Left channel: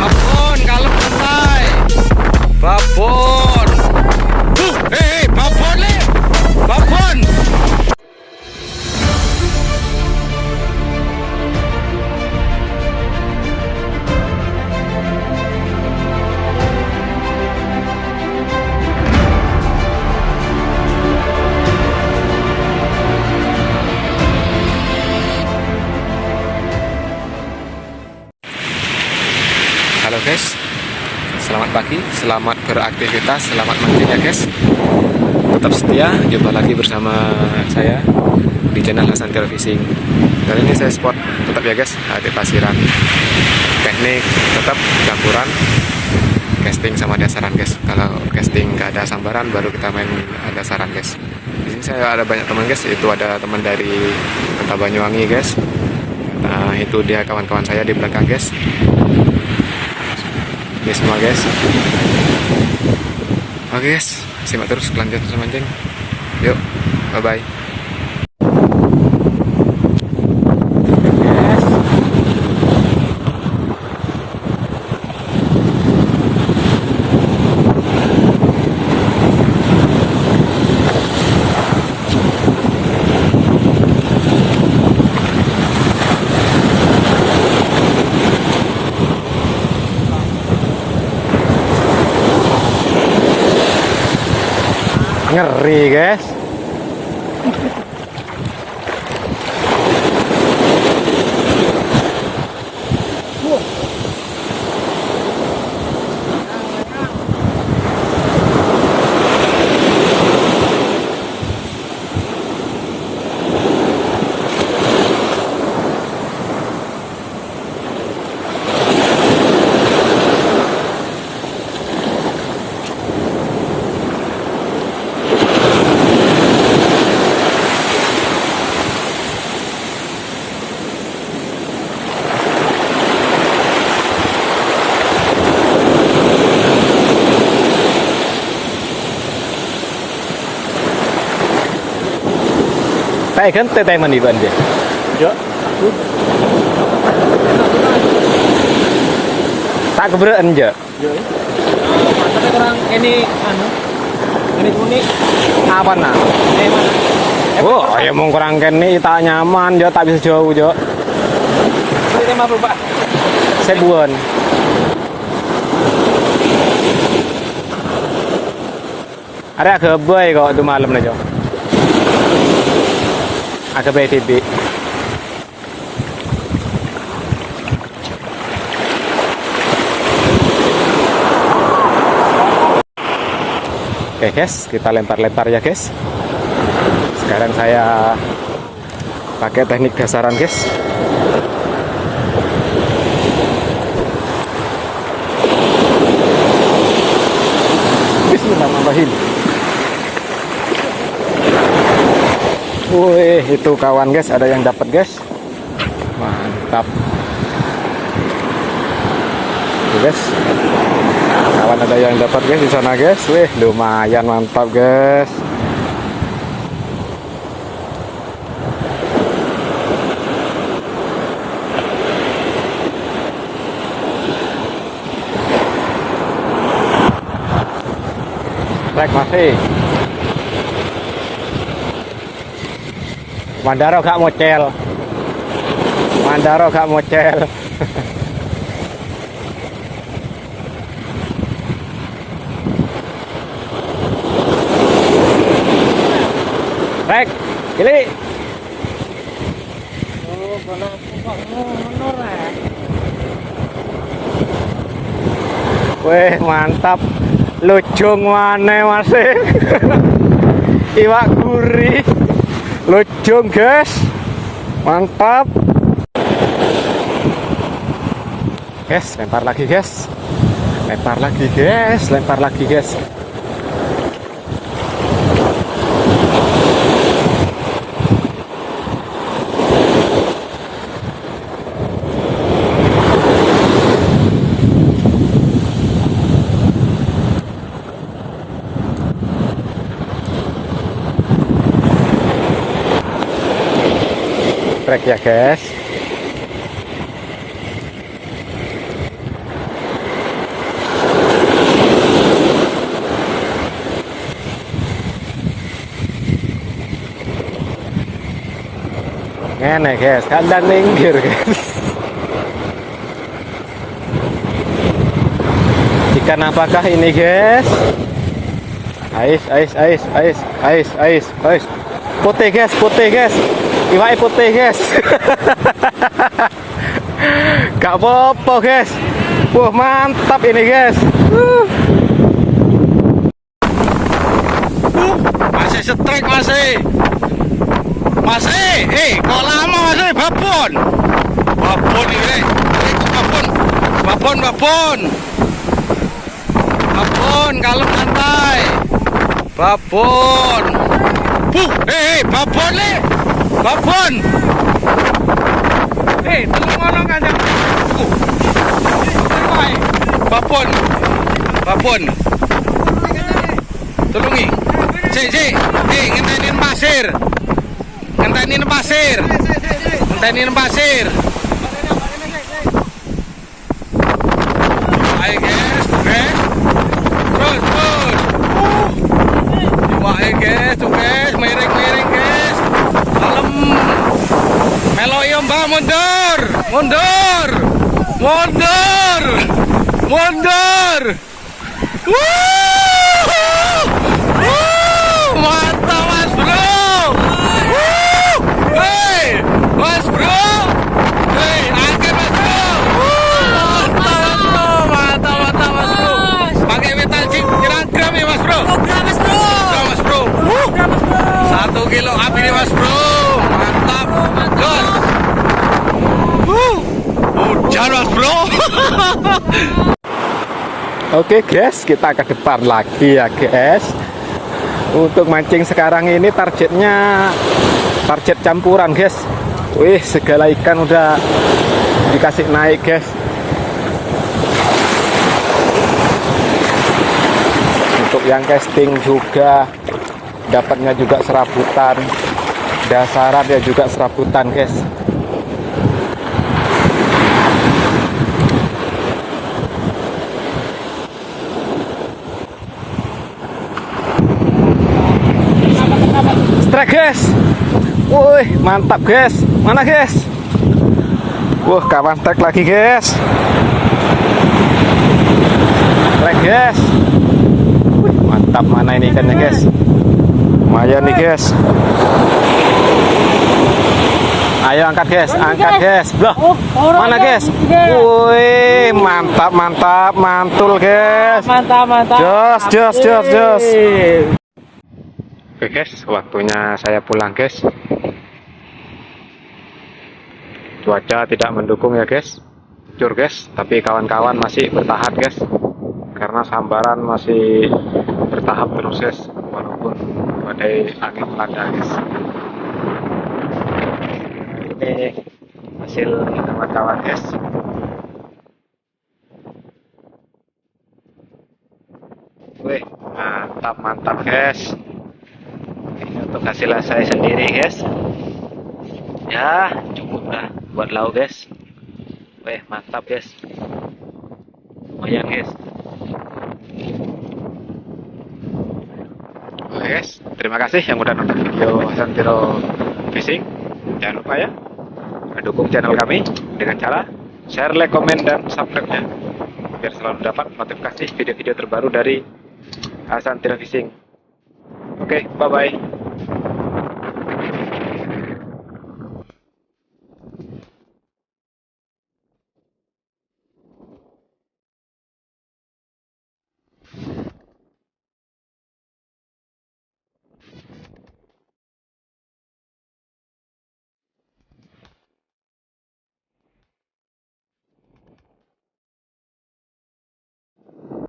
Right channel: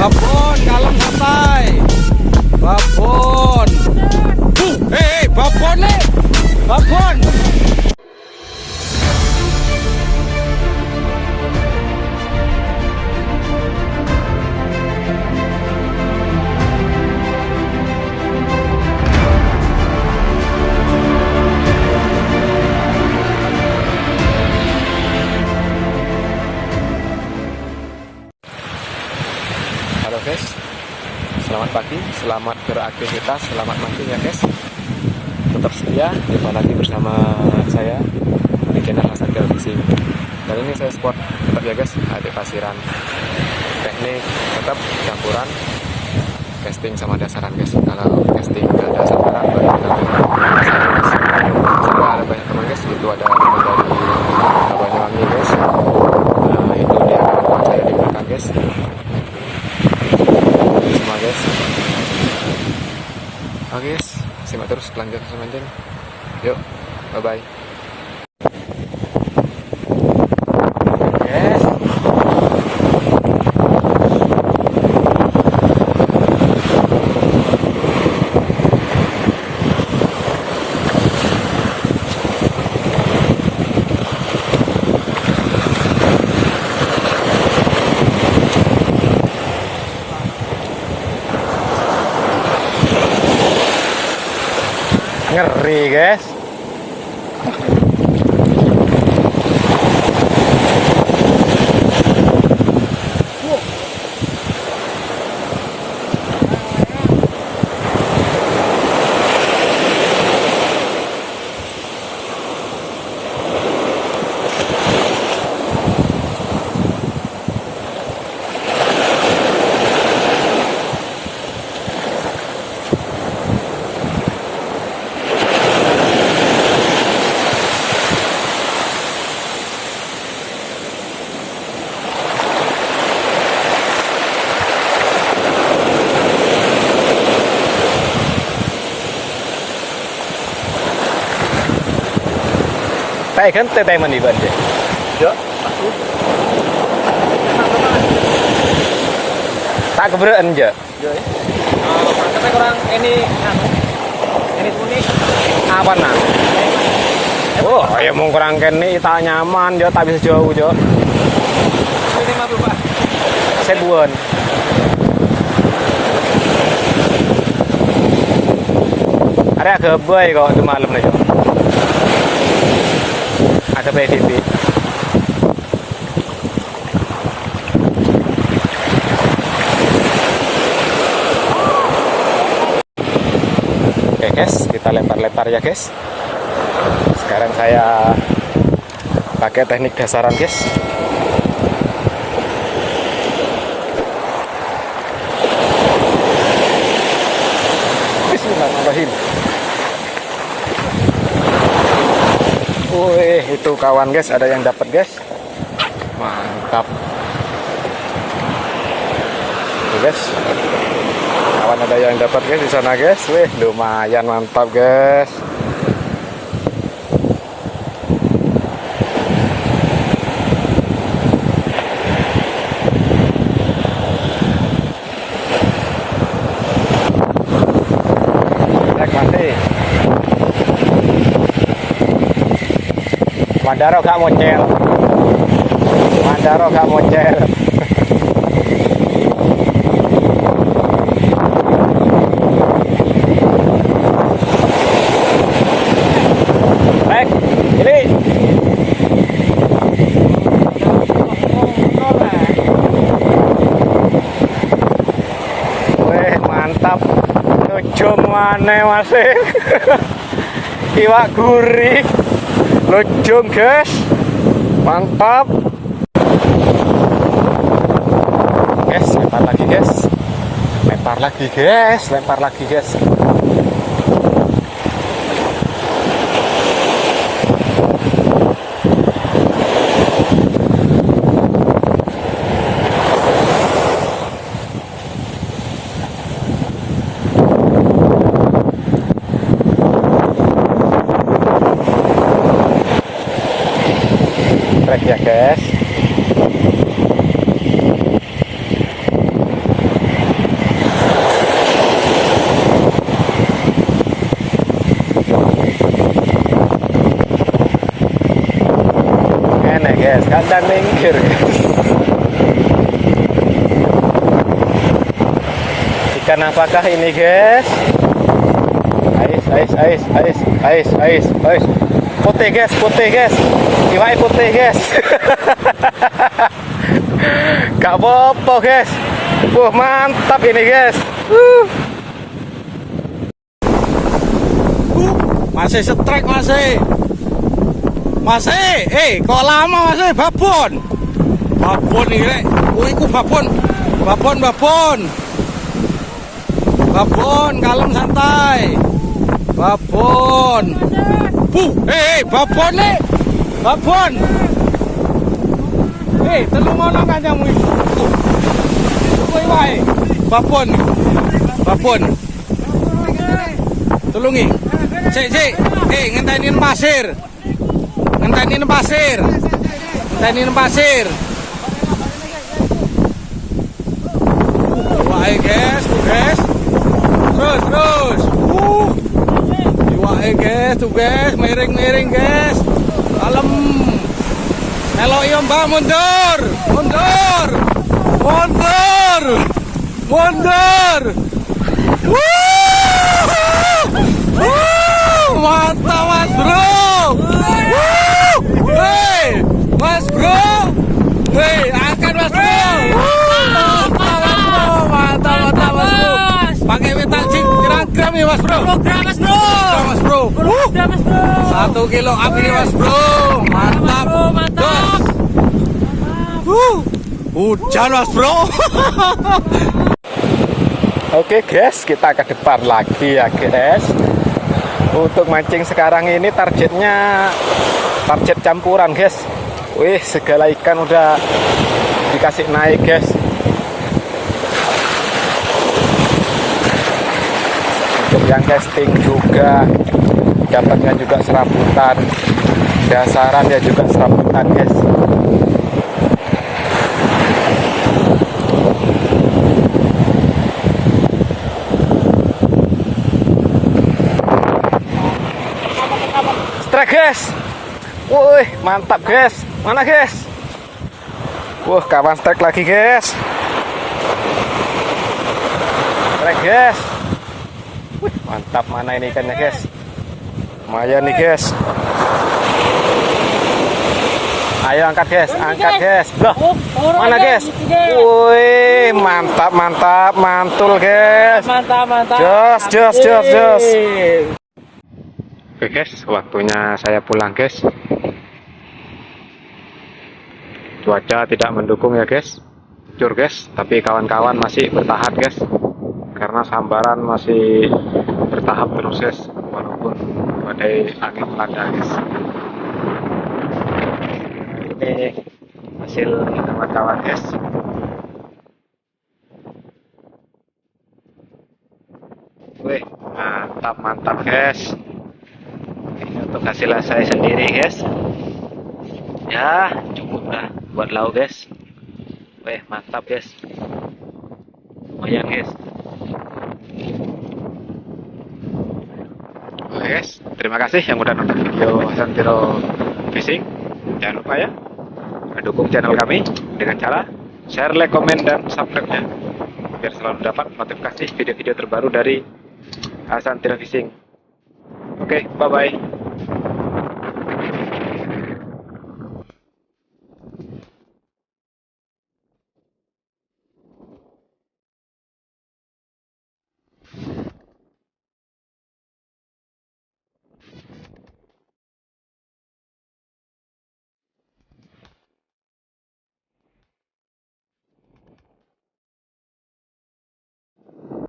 babon, kalem santai. Babon. Babon le. Babon. Halo guys, selamat pagi, selamat beraktivitas, selamat mancing ya guys. Tetap setia, jumpa lagi bersama saya di channel Hasan Trail Fishing. Kali ini saya spot tetap ya guys, di pasiran. Teknik tetap campuran casting sama dasaran guys. Kalau casting nggak ada sambaran, baru kita main dasaran guys. Saya ada banyak teman guys, itu ada teman dari Kota Banyuwangi guys. Nah, itu dia kawan-kawan saya di belakang guys. Ini semua guys. Oke guys, simak terus kelanjutan mancing. Yuk, bye bye. Ngeri guys. Tay kan tay mandi banje. Ya. Tak keberaan aja. Ya. Ini kuning. Apa nah? Oh, ya mau kurang kene tak nyaman, dia tak bisa jauh, Jo. Ini apa, Pak? Sebuan. Ada kebai kok itu malam nih, Jo. Agak PVB. Oke guys, kita lempar-lempar ya guys. Sekarang saya pakai teknik dasaran guys. Bismillahirrahmanirrahim. Wih, itu kawan guys, ada yang dapat guys. Mantap. Tuh guys. Kawan ada yang dapat guys di sana guys. Wih, lumayan mantap guys. Like masih. Mandaro gak mocel. Mandaro gak mocel. Baik, ini. Wih, mantap. Lucung mana masih. Iwak gurih. Lucung guys, mantap guys. Lempar lagi guys, lempar lagi guys, lempar lagi guys. Trek ya guys. guys, kandang minggir guys. Ikan apakah ini guys? Ais. Putih guys. Iwak putih guys. Gak apa-apa guys. Wah mantap ini guys. Masih setrek masih. Kok lama masih babon ini. Iku babon. Babon kalem santai. Babon. Babon le. Babon. Telung ngono kanjang. Babon. Tulungi. Sik. Ngenteni pasir. Ayo guys. Terus. Iwake guys, miring guys. Kalem. Melo yo Mbak mundur. Mantap Mas Bro. Mas Bro. Angkat Mas Bro. Mantap Mas Bro. Pakai metal jig gram ya Mas Bro. Mas Bro. 1 kilo api nih Mas Bro. Mantap. Dos. Hujan Mas Bro. Oke guys, kita ke depan lagi ya guys. Untuk mancing sekarang ini target campuran guys. Wih, segala ikan udah dikasih naik guys. Untuk yang casting juga dapatnya juga serabutan, dasaran ya juga serabutan guys. Strike guys. Wih, mantap guys. Mana guys? Wah, kawan strike lagi guys. Strike guys. Wih, mantap. Mana ini ikannya guys? Lumayan nih guys. Ayo angkat guys, Loh, mana guys? Wih, mantap, mantul guys. Mantap. Jos. Oke guys, waktunya saya pulang guys. Cuaca tidak mendukung ya guys, jujur guys, tapi kawan-kawan masih bertahan guys, karena sambaran masih bertahap terus guys, walaupun badai angin melanda guys. Ini hasil kawan-kawan guys. Wih, mantap guys. Ini untuk hasil saya sendiri guys. Ya, cukup lah buat lauk guys. Wih, mantap guys. Lumayan guys. Oke guys, terima kasih yang udah nonton video Hasan Tiro Fishing. Jangan lupa ya, dukung channel kami dengan cara share, like, komen, dan subscribe-nya, biar selalu dapat notifikasi video-video terbaru dari Hasan Tiro Fishing. Oke, bye-bye.